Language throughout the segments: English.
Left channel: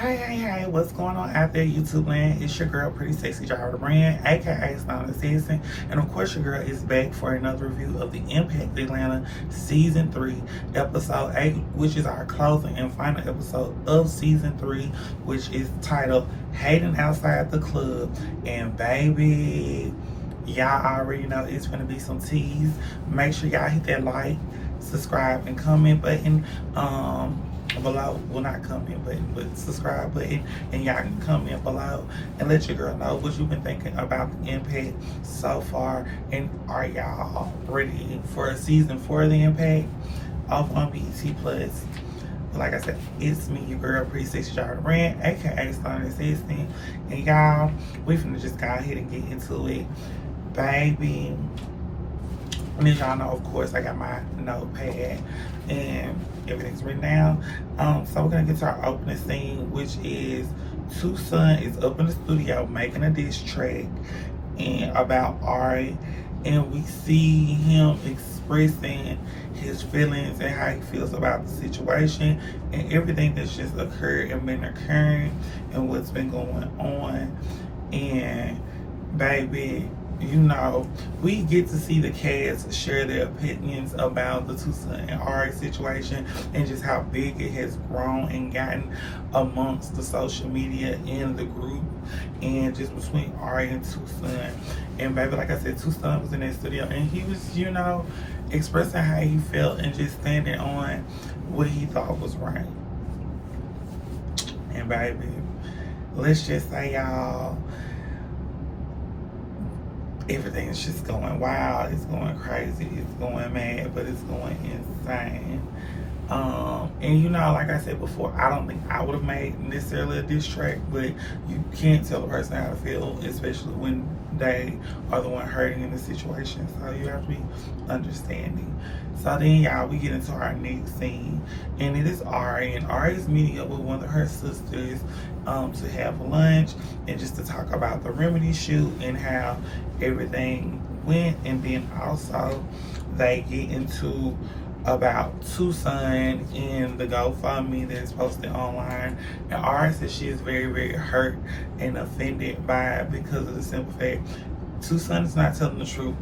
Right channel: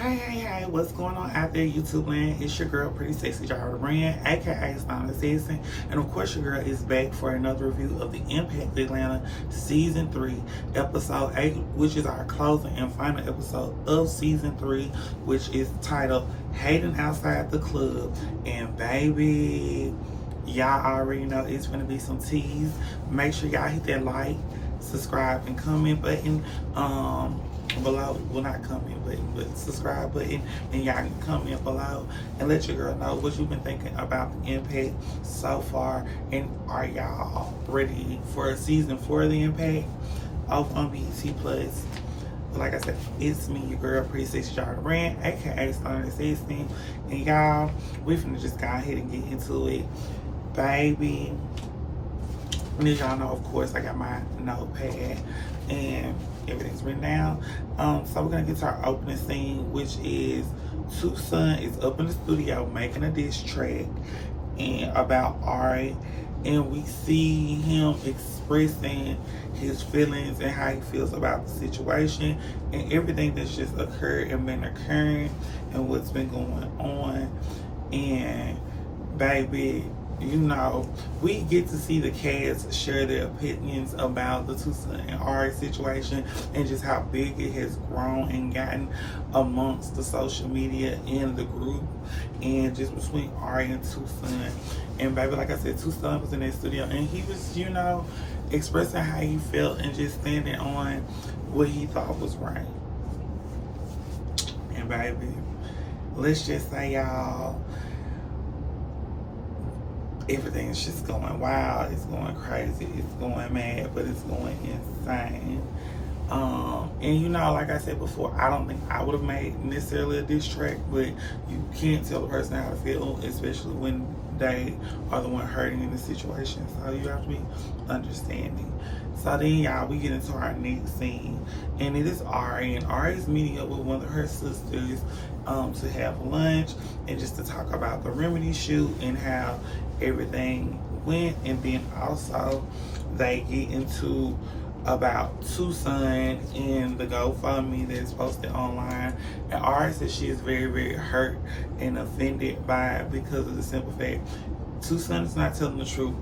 Hey, what's going on out there, YouTube land? It's your girl, Pretty Sexy Jara Brand, aka Stone Assassin. And of course, your girl is back for another review of the Impact Atlanta Season 3, Episode 8, which is our closing and final episode of Season 3, which is titled Hating Outside the Club. And baby, y'all already know it's going to be some teas. Make sure y'all hit that like, subscribe, and comment button below. Well, not comment button, but subscribe button, and y'all can comment below and let your girl know what you've been thinking about the Impact so far, and are y'all ready for season 4 of the Impact off on BET Plus. Like I said, it's me, your girl, Pretty Sexy Jara Brand, aka Stone Assassin, and y'all, we finna just go ahead and get into it, baby. And as y'all know, of course, I got my notepad and everything's written down. So we're gonna get to our opening scene, which is Tucson is up in the studio making a diss track and about Ari, and we see him expressing his feelings and how he feels about the situation and everything that's just occurred and been occurring and what's been going on. And baby, you know, we get to see the cast share their opinions about the Tucson and Ari situation and just how big it has grown and gotten amongst the social media in the group and just between Ari and Tucson. And baby, like I said, Tucson was in that studio and he was, you know, expressing how he felt and just standing on what he thought was right. And baby, let's just say, y'all, everything's just going wild, it's going crazy, it's going mad, but it's going insane. And you know, like I said before, I don't think I would have made necessarily a diss track, but you can't tell a person how to feel, especially when they are the one hurting in the situation. So you have to be understanding. So then, y'all, we get into our next scene, and it is Ari, and Ari is meeting up with one of her sisters to have lunch and just to talk about the Remedy shoot and how everything went. And then also they get into about Tucson and the GoFundMe that's posted online, and Ari says she is very, very hurt and offended by it because of the simple fact Tucson is not telling the truth.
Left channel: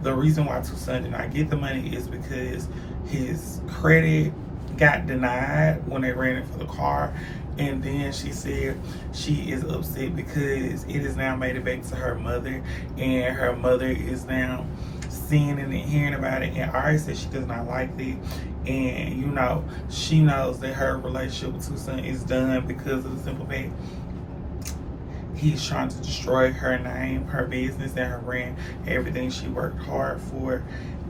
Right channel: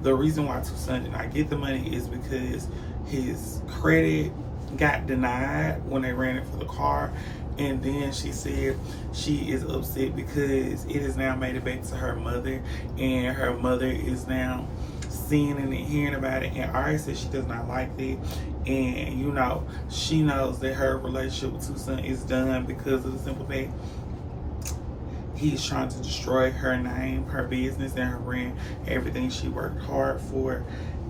The reason why Tucson did not get the money is because his credit got denied when they ran it for the car. And then she said she is upset because it has now made it back to her mother, and her mother is now seeing it and hearing about it. And Ari said she does not like that, and you know, she knows that her relationship with Tucson is done because of the simple fact he's trying to destroy her name, her business, and her brand, everything she worked hard for.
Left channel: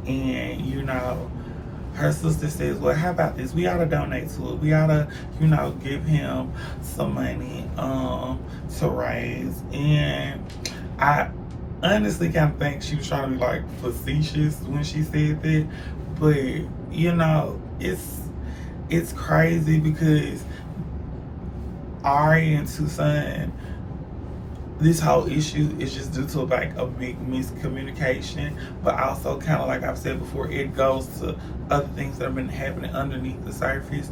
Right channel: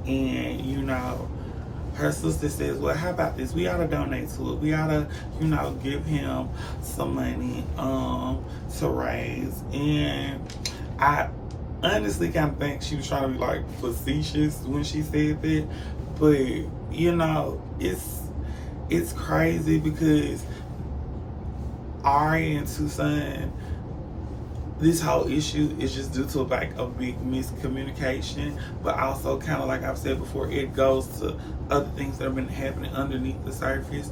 And you know, her sister says, well, how about this? We ought to donate to it. We ought to, you know, give him some money to raise. And I honestly kind of think she was trying to be like facetious when she said that. But, you know, it's crazy because Ari and Tucson, this whole issue is just due to like a big miscommunication, but also kind of like I've said before, it goes to other things that have been happening underneath the surface.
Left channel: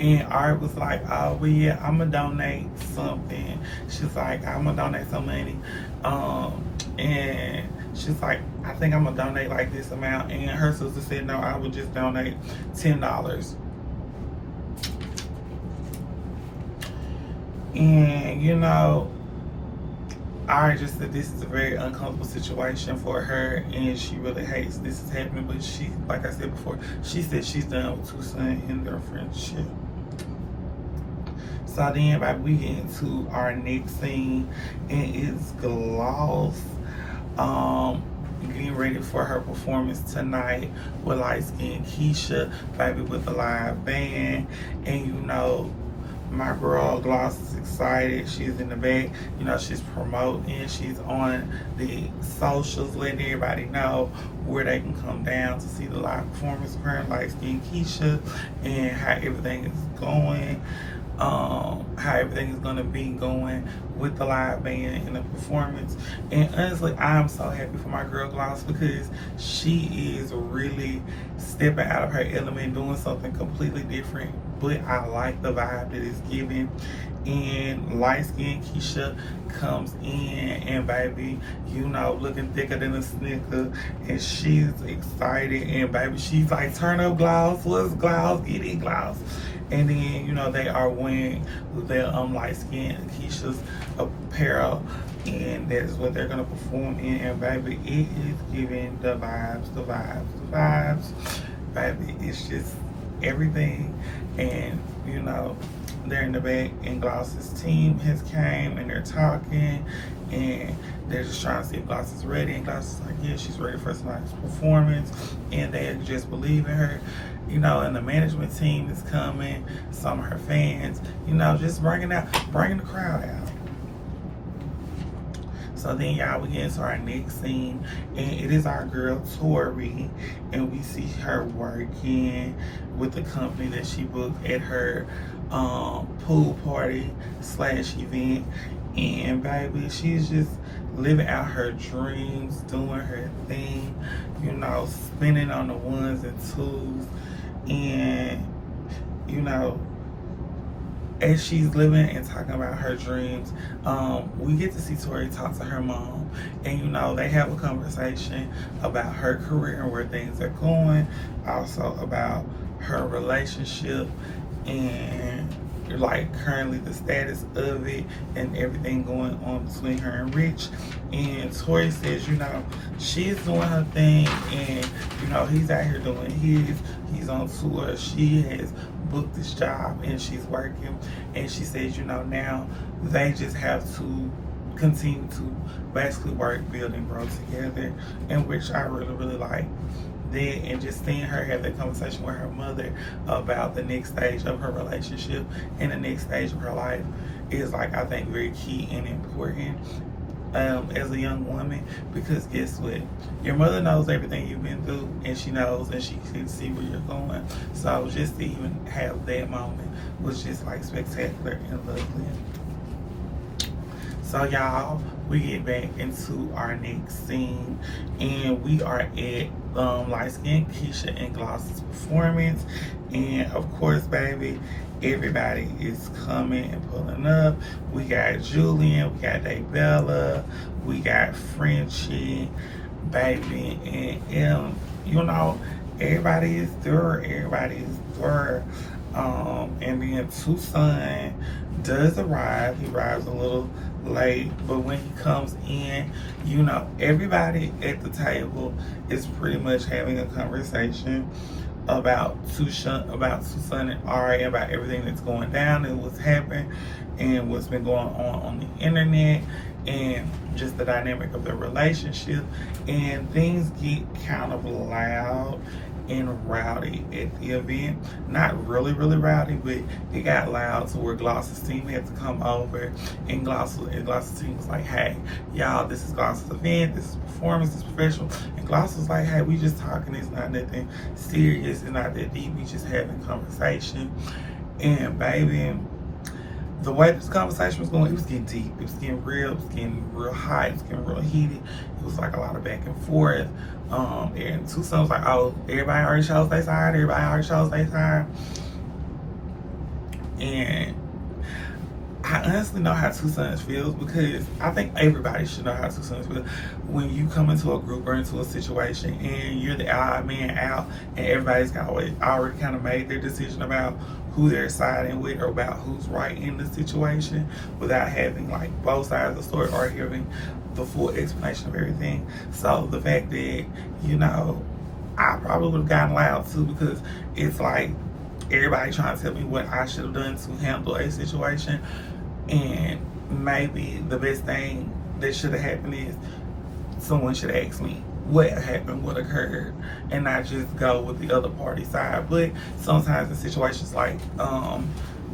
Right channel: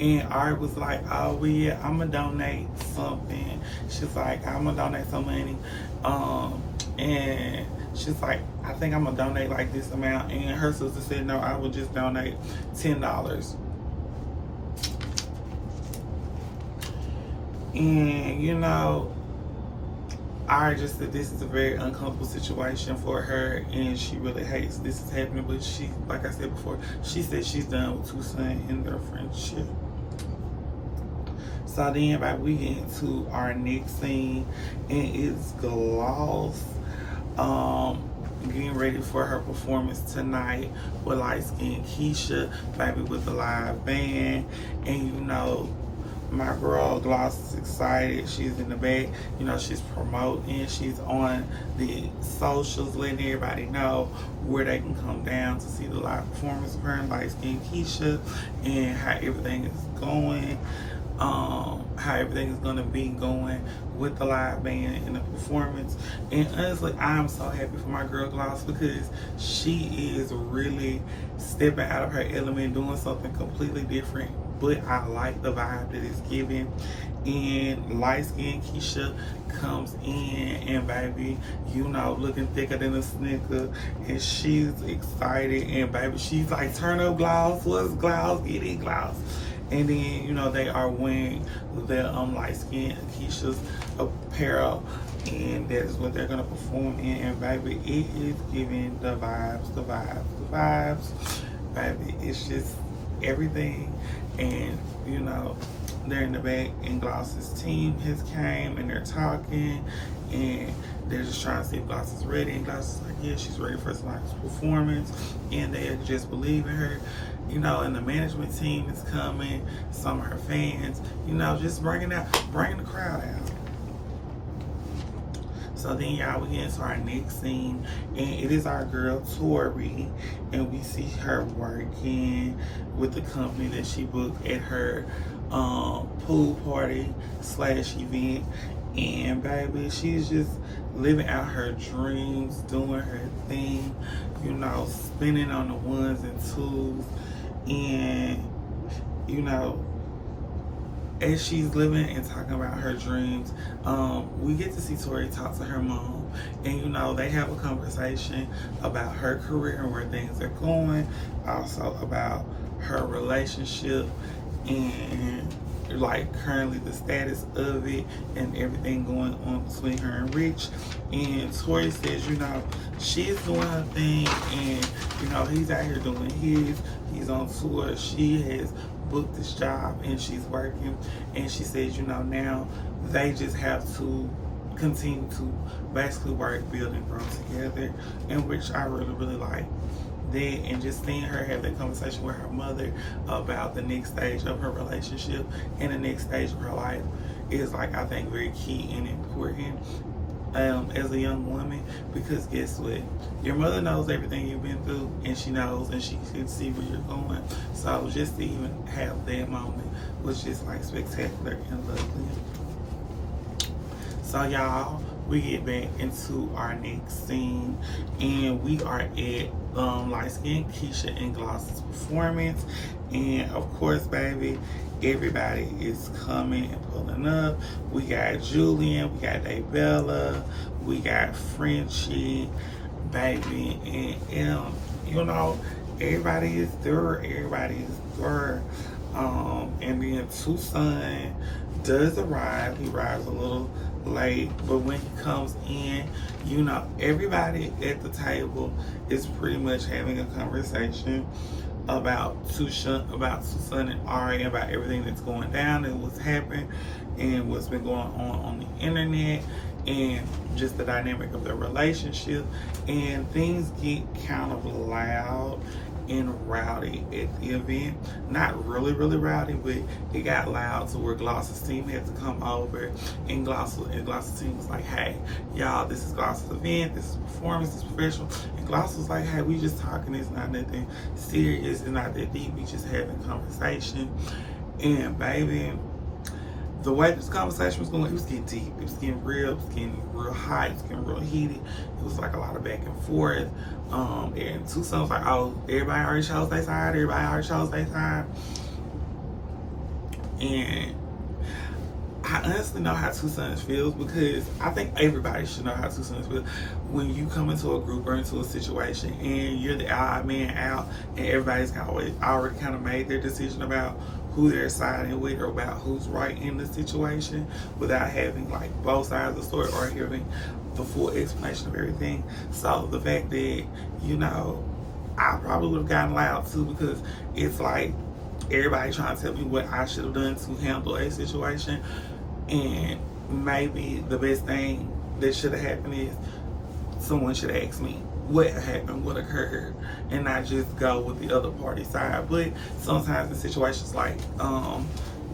And Ari was like, oh well, yeah, I'm gonna donate something. She's like, I'm gonna donate some money, and she's like, I think I'm gonna donate like this amount. And her sister said, no, I would just donate $10. And you know, Ari just said this is a very uncomfortable situation for her, and she really hates this is happening. But she, like I said before, she said she's done with Tucson and their friendship. So then, like, we get into our next scene, and it's Gloss getting ready for her performance tonight with light skin Keisha, baby, with the live band. And you know, my girl Gloss is excited. She's in the back, you know, she's promoting, she's on the socials, letting everybody know where they can come down to see the live performance of her and Light Skin Keisha, and how everything is going, how everything is going to be going with the live band and the performance. And honestly, I'm so happy for my girl Gloss because she is really stepping out of her element, doing something completely different but I like the vibe that it's giving. And light skinned Keisha comes in, and baby, you know, looking thicker than a snicker, and she's excited, and baby, she's like, turn up gloss, what's gloss, get it gloss. And then, you know, they are wearing their light skinned Keisha's apparel, and that's what they're gonna perform in. And baby, it is giving the vibes, the vibes, the vibes. Baby, it's just everything. And you know, they're in the back, and Gloss's team has came, and they're talking, and they're just trying to see if Gloss is ready. And Gloss is like, yeah, she's ready for tonight's performance, and they just believe in her. You know, and the management team is coming, some of her fans, you know, just bringing the crowd out. So then, y'all, we get into our next scene, and it is our girl Tori, and we see her working with the company that she booked at her pool party / event. And baby, she's just living out her dreams, doing her thing, you know, spinning on the ones and twos. And you know, as she's living and talking about her dreams, we get to see Tori talk to her mom, and you know, they have a conversation about her career and where things are going, also about her relationship, and like currently the status of it and everything going on between her and Rich. And Tori says, you know, she's doing her thing, and you know, he's out here doing his. He's on tour. She has booked this job, and she's working. And she says, you know, now they just have to continue to basically work, build, and grow together, and which I really, really like that. And just seeing her have that conversation with her mother about the next stage of her relationship and the next stage of her life is, like, I think very key and important as a young woman, because guess what, your mother knows everything you've been through, and she knows, and she can see where you're going. So just to even have that moment was just like spectacular and lovely. So y'all, we get back into our next scene, and we are at light skin Keisha and Gloss's performance. And of course, baby, everybody is coming and pulling up. We got Julian, we got Daybella, we got Frenchie, baby, and you know, everybody is there. And then Tucson does arrive. He arrives a little late, but when he comes in, you know, everybody at the table is pretty much having a conversation about Tucson and Ari, about everything that's going down and what's happened and what's been going on the internet, and just the dynamic of their relationship. And things get kind of loud and rowdy at the event. Not really rowdy, but it got loud to where Gloss's team had to come over, and Gloss's team was like, hey, y'all, this is Gloss's event, this is performance, this is professional. And Gloss was like, hey, we just talking, it's not nothing serious, it's not that deep, we just having conversation. And baby, the way this conversation was going, it was getting deep, it was getting real hot, it was getting real heated. It was like a lot of back and forth. And Tucson was like, oh, everybody already chose their side, and I honestly know how Tucson feels, because I think everybody should know how Tucson feels when you come into a group or into a situation and you're the odd man out, and everybody's already kind of made their decision about who they're siding with or about who's right in the situation, without having like both sides of the story or hearing the full explanation of everything. So the fact that, you know, I probably would have gotten loud too, because it's like everybody trying to tell me what I should have done to handle a situation. And maybe the best thing that should have happened is someone should ask me what happened, what occurred, and not just go with the other party side. But sometimes in situations like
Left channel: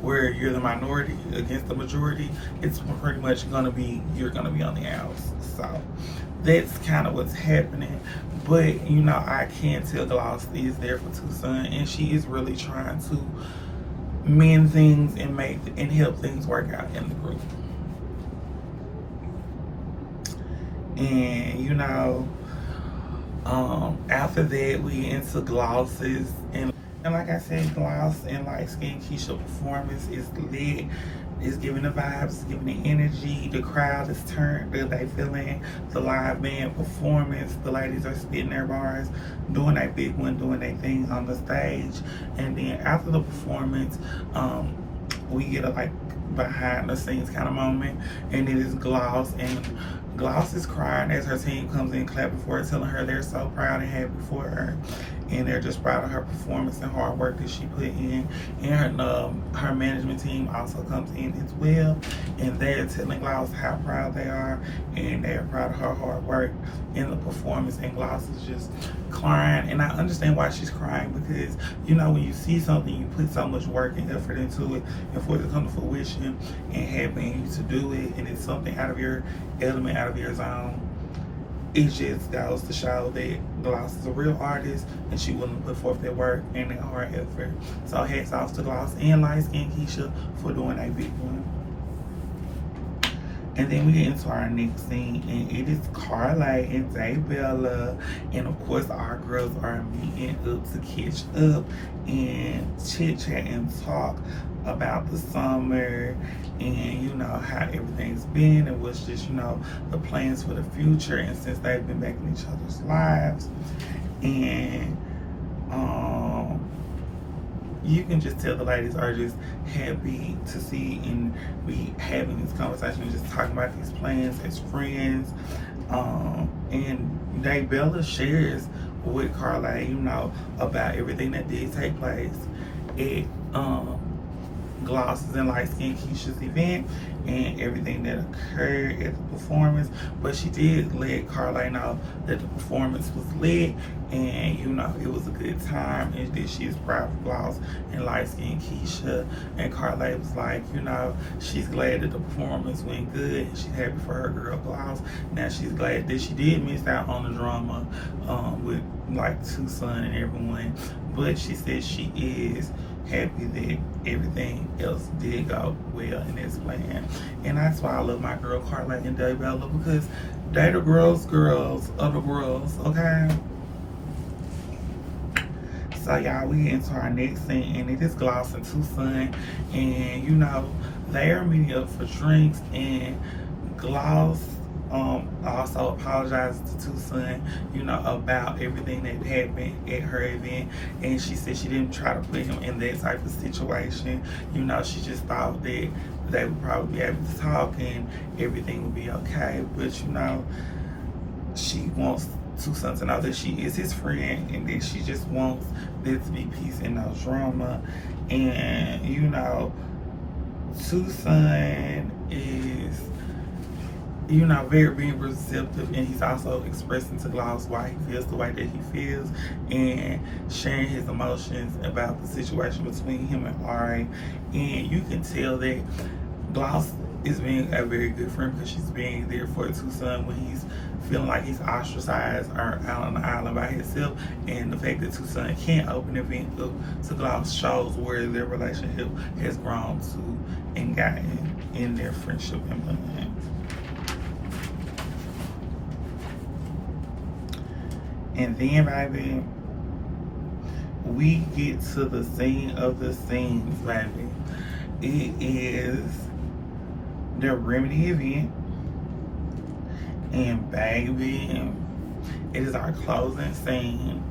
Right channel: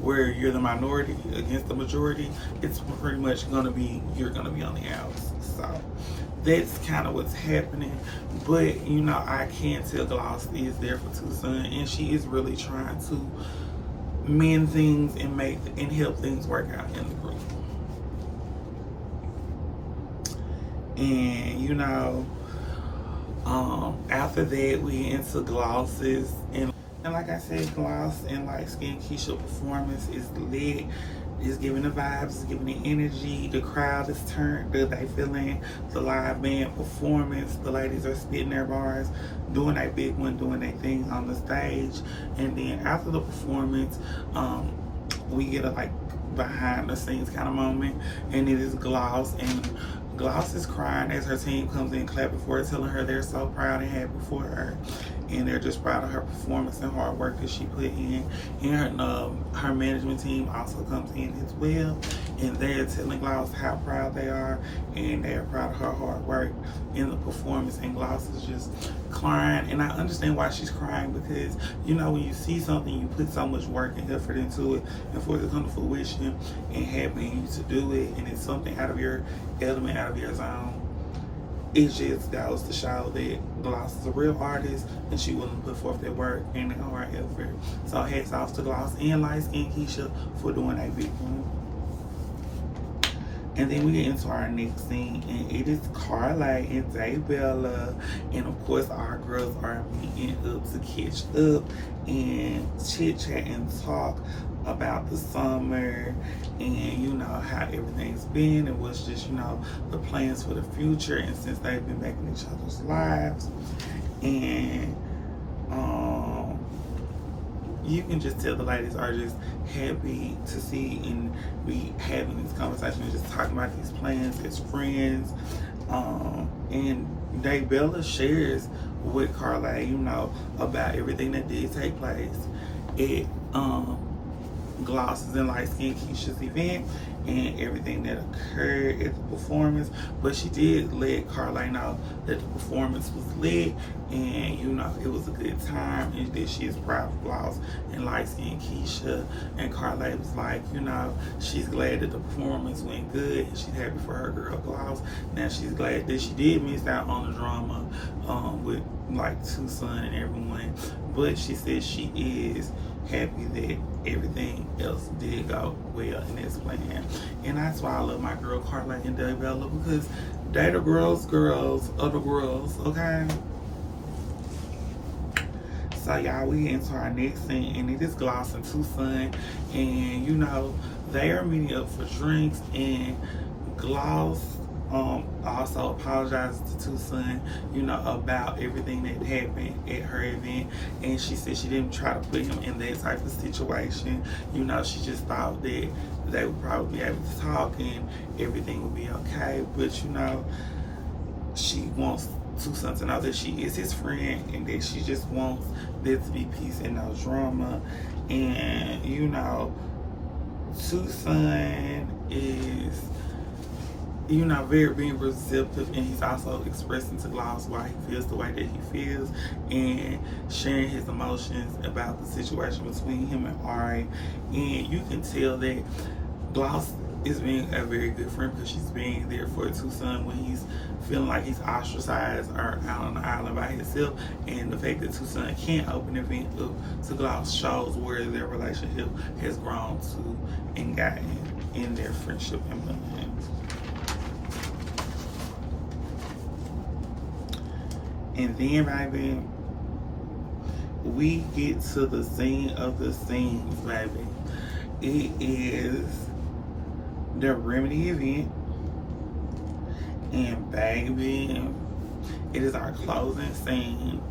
where you're the minority against the majority, it's pretty much you're gonna be on the outs. So that's kind of what's happening. But you know, I can tell Gloss is there for Tucson, and she is really trying to mend things and help things work out in the group. And you know, after that, we into Glosses, And like I said, Gloss and Light Skin Keisha performance is lit. It's giving the vibes, it's giving the energy. The crowd is turned. They feeling the live band performance. The ladies are spitting their bars, doing their big one, doing their thing on the stage. And then after the performance, we get a like behind the scenes kind of moment, and it is Gloss, and Gloss is crying as her team comes in clapping for her, telling her they're so proud and happy for her, and they're just proud of her performance and hard work that she put in. And her management team also comes in as well, and they're telling Gloss how proud they are, and they're proud of her hard work in the performance. And Gloss is just crying, and I understand why she's crying, because you know, when you see something, you put so much work and effort into it, and for it to come to fruition and having you to do it, and it's something out of your element, out of your zone, it just goes to show that Gloss is a real artist, and she willing to put forth that work and that hard effort. So hats off to Gloss and Light Skin Keisha for doing a big one. And then we get into our next scene, and it is Carly and Daybella, and of course our girls are meeting up to catch up and chit chat and talk about the summer, and you know how everything's been, and what's just, you know, the plans for the future, and since they've been back in each other's lives. And you can just tell the ladies are just happy to see and be having this conversation and just talking about these plans as friends. And Daybella shares with Carly, you know, about everything that did take place at Gloss's and Light Skin Keisha's event, and everything that occurred at the performance. But she did let Carly know that the performance was lit, and you know, it was a good time, and that she is proud of Gloss and Light Skin Keisha. And Carly was like, you know, she's glad that the performance went good, and she's happy for her girl Gloss. Now she's glad that she did miss out on the drama with like Tucson and everyone, but she said she is happy that everything else did go well in this plan. And that's why I love my girl Carly and Daybella, because they the girls of the girls, okay? So y'all, we into our next scene, and it is Gloss and Tucson, and you know, they are meeting up for drinks, and Gloss also apologized to Tucson, you know, about everything that happened at her event, and she said she didn't try to put him in that type of situation. You know, she just thought that they would probably be able to talk and everything would be okay. But you know, she wants Tucson to know that she is his friend, and that she just wants there to be peace and no drama. And you know, Tucson is, you know, very being receptive, and he's also expressing to Gloss why he feels the way that he feels, and sharing his emotions about the situation between him and Ari. And you can tell that Gloss is being a very good friend, because she's being there for Tucson when he's feeling like he's ostracized or out on the island by himself. And the fact that Tucson can't open the event up to Gloss shows where their relationship has grown to and gotten in their friendship and bond. And then, baby, we get to the scene of the scenes, baby. It is the Remedy event. And, baby, it is our closing scene.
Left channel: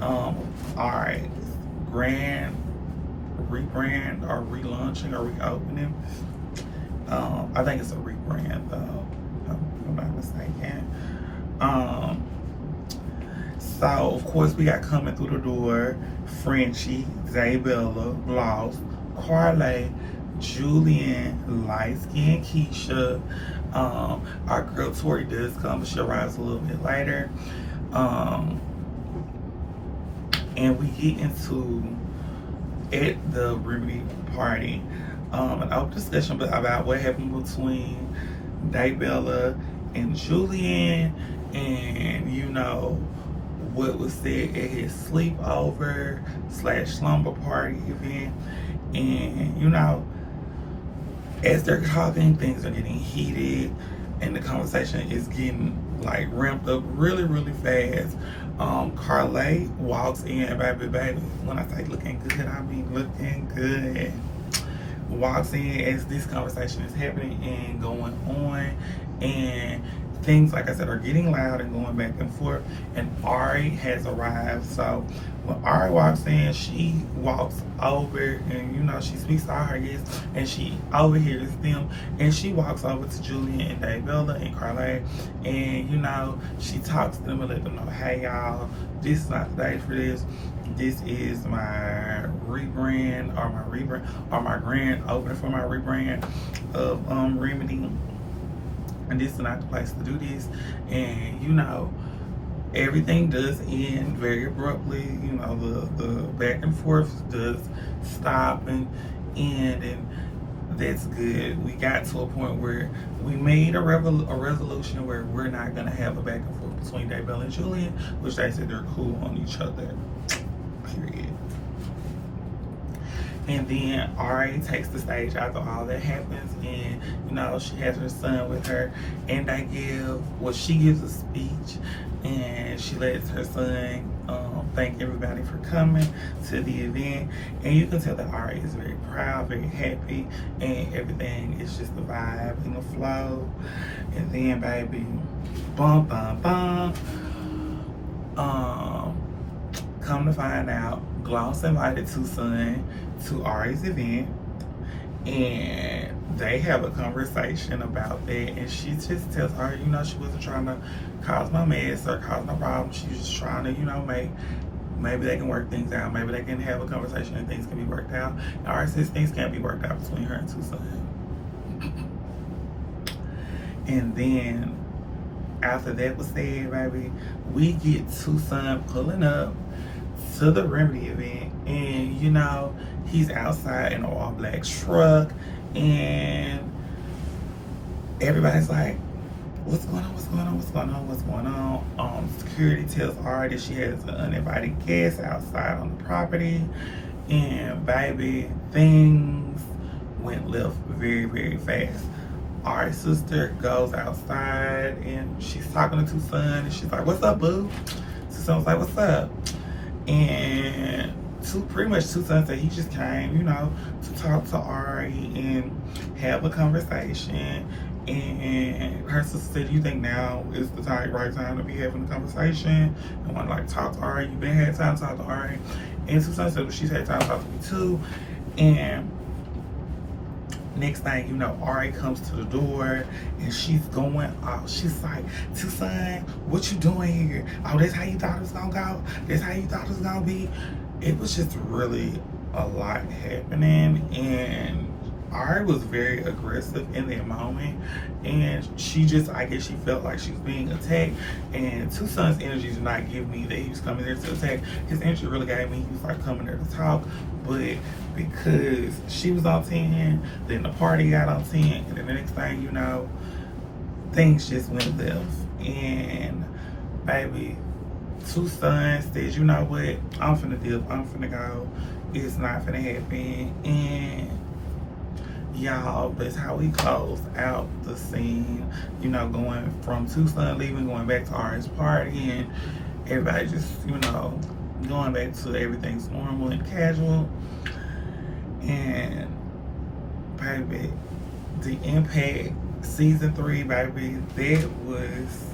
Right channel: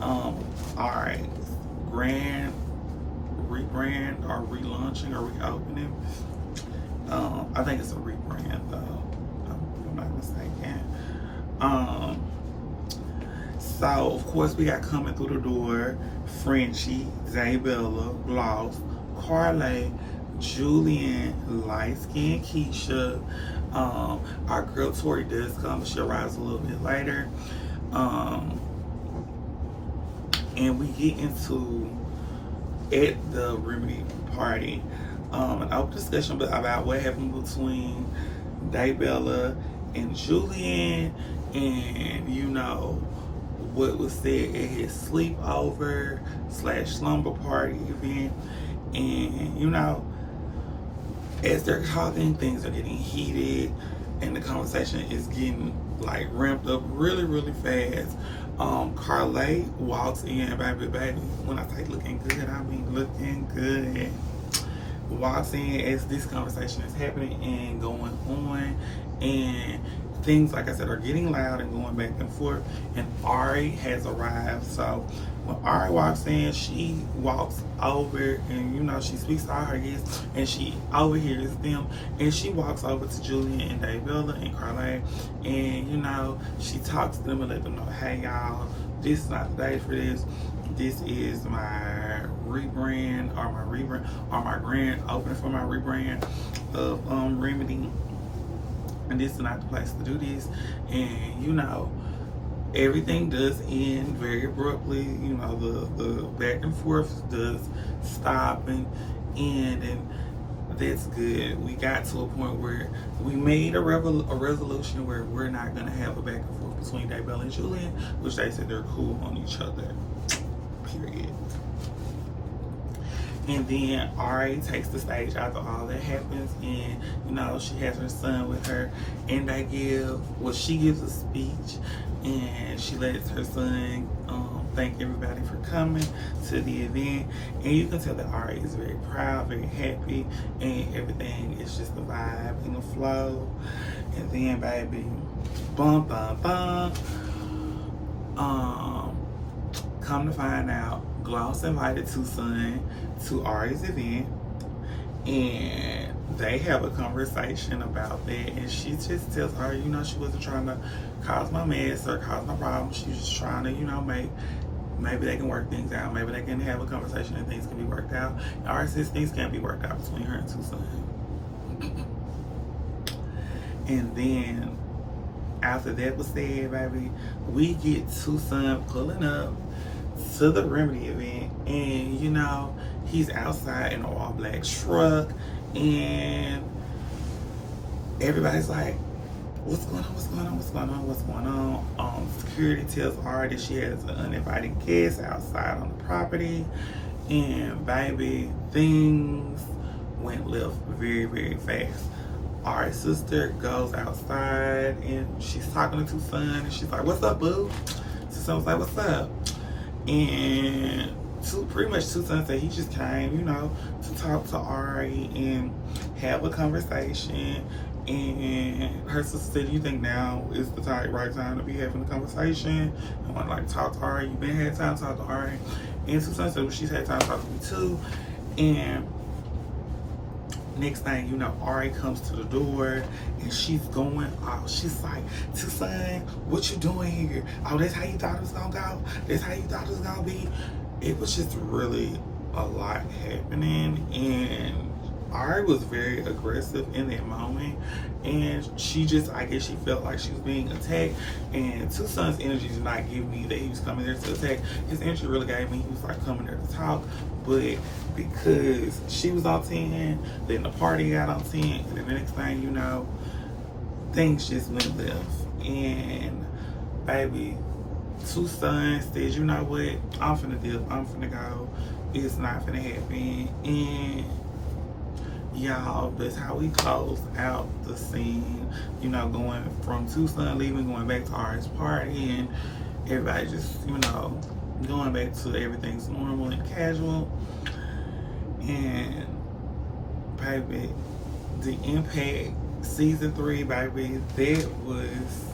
Our grand rebrand or relaunching or reopening. I think it's a rebrand, though, if I'm not mistaken. So, of course, we got coming through the door Frenchie, Daybella, Gloss, Carly, Julian, Light Skin Keisha. Our girl Tori does come, but she arrives a little bit later. And we get into, at the Remedy party, an open discussion about what happened between Daybella and Julian, and you know, what was said at his sleepover / slumber party event. And you know, as they're talking, things are getting heated, and the conversation is getting like ramped up really, really fast. Carly walks in, and baby, when I say looking good, I mean looking good. Walks in as this conversation is happening and going on, and things, like I said, are getting loud and going back and forth, and Ari has arrived. So when Ari walks in, she walks over and, you know, she speaks to all her guests and she overhears them, and she walks over to Julian and Daybella and Carly, and, you know, she talks to them and let them know, hey y'all, this is not the day for this. This is my rebrand or my grand opening for my rebrand of Remedy, and this is not the place to do this. And, you know, everything does end very abruptly. You know, the back and forth does stop and end, and that's good. We got to a point where we made a resolution where we're not gonna have a back and forth between Daybella and Julian, which they said they're cool on each other. Period. And then Ari takes the stage after all that happens, and, you know, she has her son with her, and she gives a speech, and she lets her son thank everybody for coming to the event, and you can tell that Ari is very proud, very happy, and everything is just the vibe and the flow. And then, baby, bum bum bum. Come to find out, Gloss invited Tucson to Ari's event, and they have a conversation about that, and she just tells her, you know, she wasn't trying to cause no mess or cause no problem. She was just trying to, you know, maybe they can work things out. Maybe they can have a conversation and things can be worked out. And Ari says things can't be worked out between her and Tucson. And then after that was said, baby, we get Tucson pulling up to the Remedy event, and, you know, he's outside in an all-black truck, and everybody's like, what's going on? Security tells Ari that she has an uninvited guest outside on the property, and, baby, things went left very, very fast. Ari's sister goes outside, and she's talking to Tucson, and she's like, what's up, boo? Tucson was like, what's up? And pretty much Tucson said he just came, you know, to talk to Ari and have a conversation. And her sister said, you think now is the right time to be having a conversation? And want to, like, talk to Ari? You been had time to talk to Ari? And Tucson said, well, she's had time to talk to me too. And next thing you know, Ari comes to the door and she's going off. She's like, Tucson, what you doing here? Oh, that's how you thought it was gonna go? That's how you thought it was gonna be? It was just really a lot happening, and Ari was very aggressive in that moment, and she just, I guess she felt like she was being attacked, and Tucson's energy did not give me that he was coming there to attack. His energy really gave me he was like coming there to talk, but because she was on 10, then the party got on 10, and then the next thing you know, things just went left. And baby, Tucson says, you know what, I'm finna dip, I'm finna go, it's not finna happen. And y'all, that's how we close out the scene, you know, going from Tucson leaving, going back to Ari's party, and everybody just, you know, going back to everything's normal and casual. And baby, the Impact season 3, baby, that was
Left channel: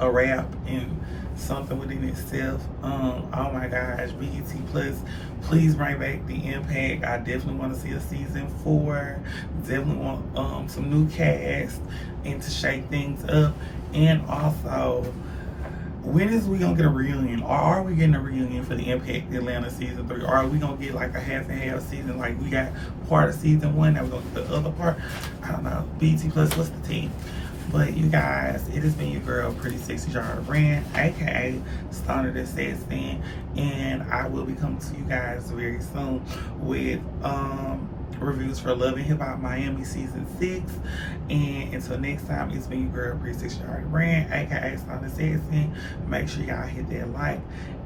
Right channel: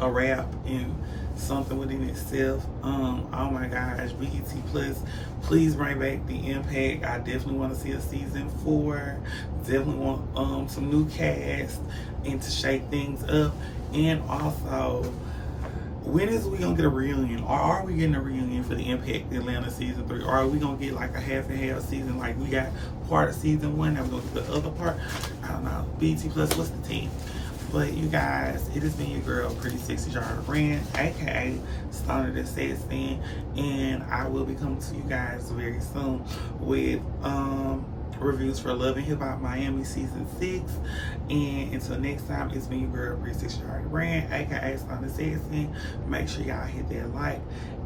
a wrap and something within itself. Oh my gosh, BET Plus, please bring back the Impact. I definitely want to see a season 4. Definitely want some new cast and to shake things up. And also, when is we gonna get a reunion? Or are we getting a reunion for the Impact Atlanta season 3? Or are we gonna get like a half and half season? Like we got part of season 1, now we're gonna get the other part. I don't know. BET Plus, what's the team? But you guys, it has been your girl, Pretty Sexy Jahara Brand, aka Stunner That Says Sin, and I will be coming to you guys very soon with reviews for Love and Hip Hop Miami season 6. And until next time, it's been your girl, Pretty Sexy Jahara Brand, aka Stunner That Says Sin. Make sure y'all hit that like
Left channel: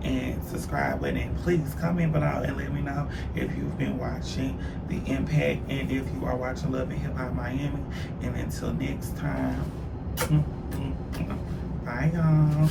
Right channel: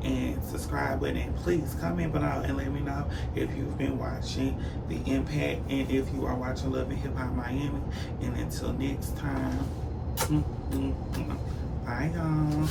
and subscribe button, and please comment below and let me know if you've been watching the Impact and if you are watching Love and Hip Hop Miami. And until next time, bye y'all.